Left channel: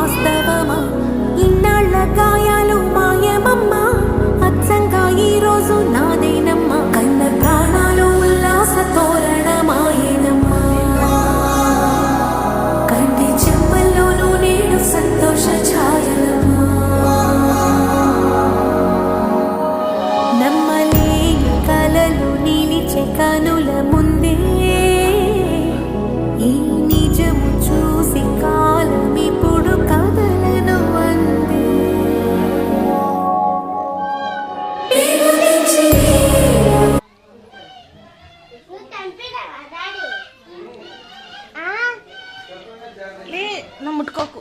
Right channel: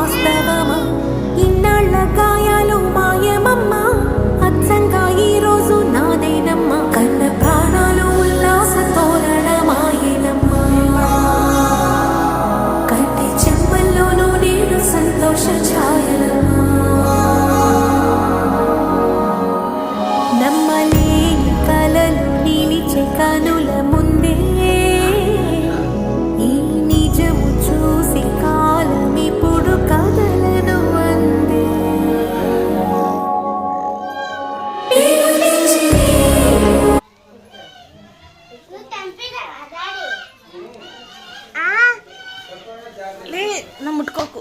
వాస్తవమా? ఇన్నాళ్ళ గాయాలు మాయమమ్మా, అచ్చంగా ఈ రోజు నాదేనమ్మా. కన్న ప్రాణాలు ఉల్లాస తోరణమాయేనమ్మా. కంటి చెమ్మల్లోనూ నేను సంతోష ఛాయలమ్మా. నమ్మలేని కలలు నిలిచే కనుల ముందే ఈ నిజము చూసి కాలమిప్పుడు కదలను అందే. నా ముట్టుకోకు.